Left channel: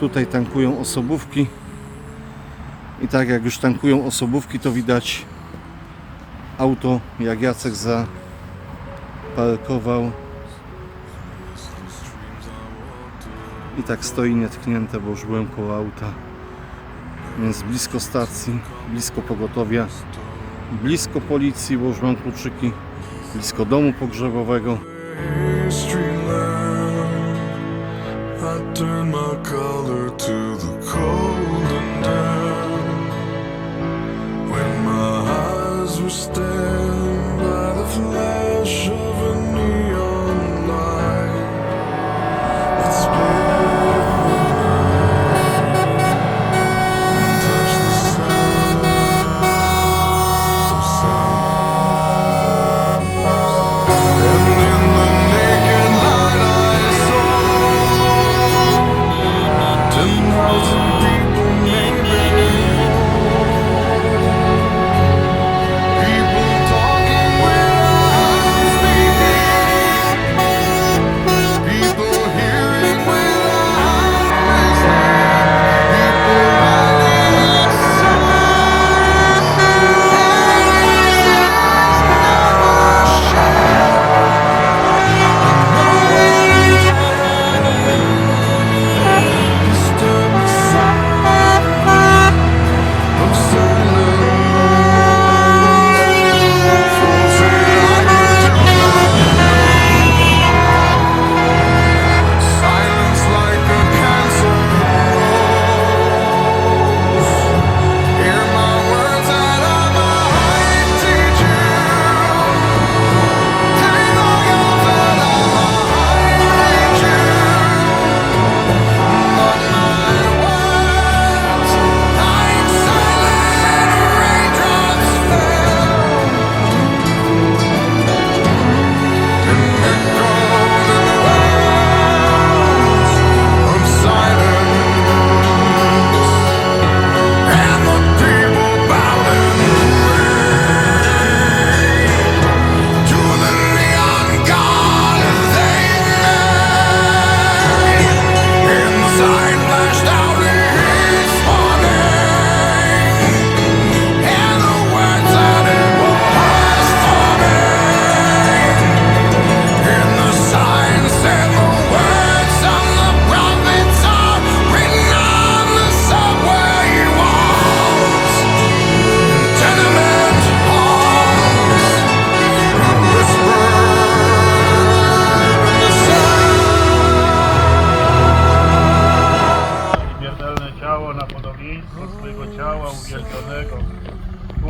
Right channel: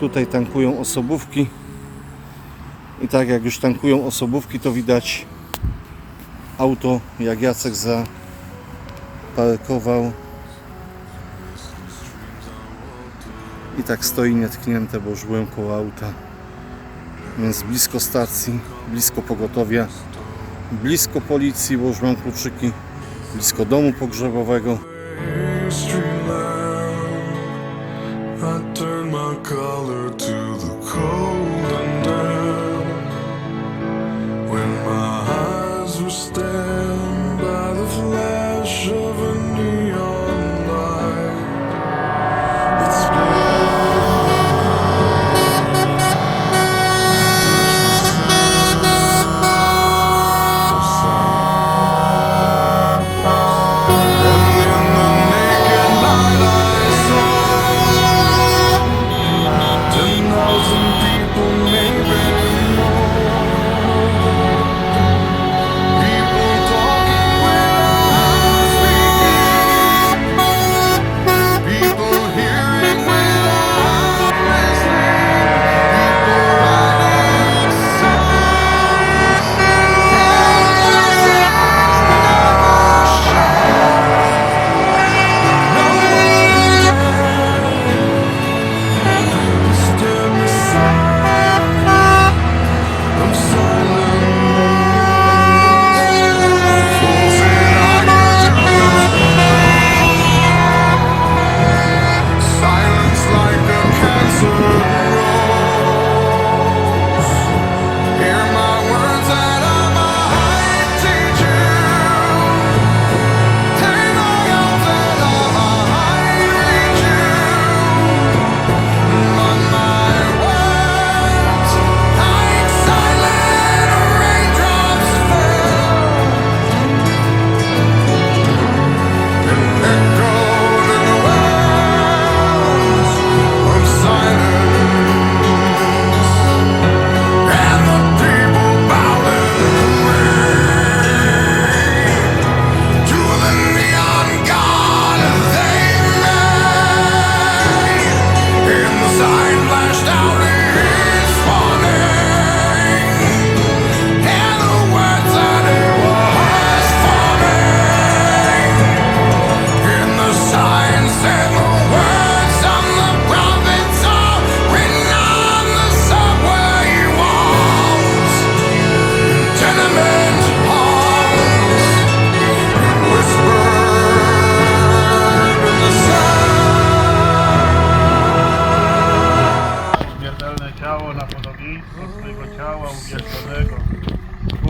Tutaj tankują osobówki. I tak jak już tankują osobówki, to widać auto, jak Jacek zaparkował. I tak stoi nietknięte, bo już byłem koło auta. Więc blisko stacji, blisko pogotowia blisko policji, bo już mam kluczyki, blisko domu pogrzebowego. I turned my collar to the cold and damp. When my eyes were stabbed by the flash of a neon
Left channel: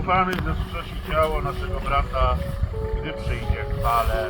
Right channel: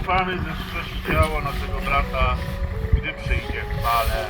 Ufamy, że wskrzesi ciało naszego brata, gdy przyjdzie w chwale.